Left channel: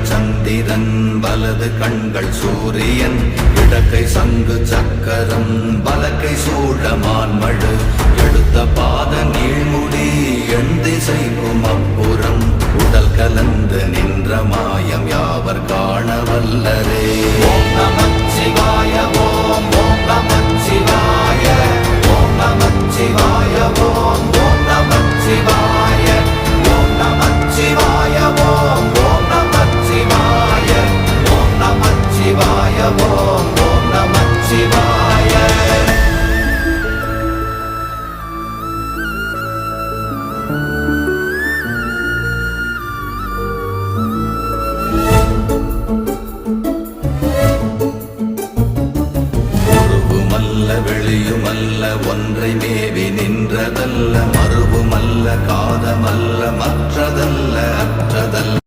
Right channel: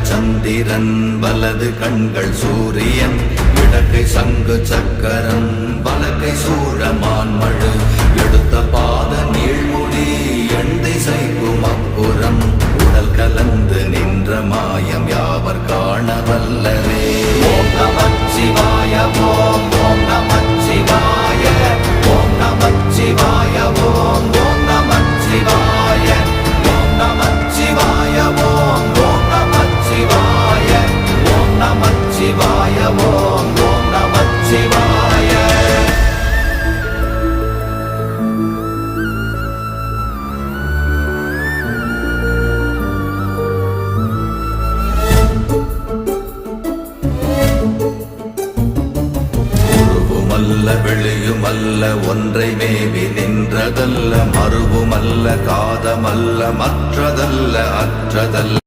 இடங்கள் சந்திரன் வலது கண்கள் சூரியன் இடக்கை சங்கு சக்கரம் வலக்கை சூழமான்மழு எடுத்த பாத நீழ்முடி எண் திசைக்கும் அப்புறம் உடல் கலந்து நின்ற மாயம் யாவர் காண வல்லரே. ஓம் நமச்சிவாய ஓம் ஓம் நமச்சிவாய ஓம் நமச்சிவாய ஓம் ஓம் நமச்சிவாய ஓம் நமச்சிவாய ஓம் ஓம் நமச்சிவாய ஓம் நமச்சிவாய ஓம் ஓம் நமச்சிவாய. வெளியுமல்ல ஒன்றை மேவி நின்றதல்ல மறுவுமல்ல காதமல்ல மற்றதல்ல அற்றதல்ல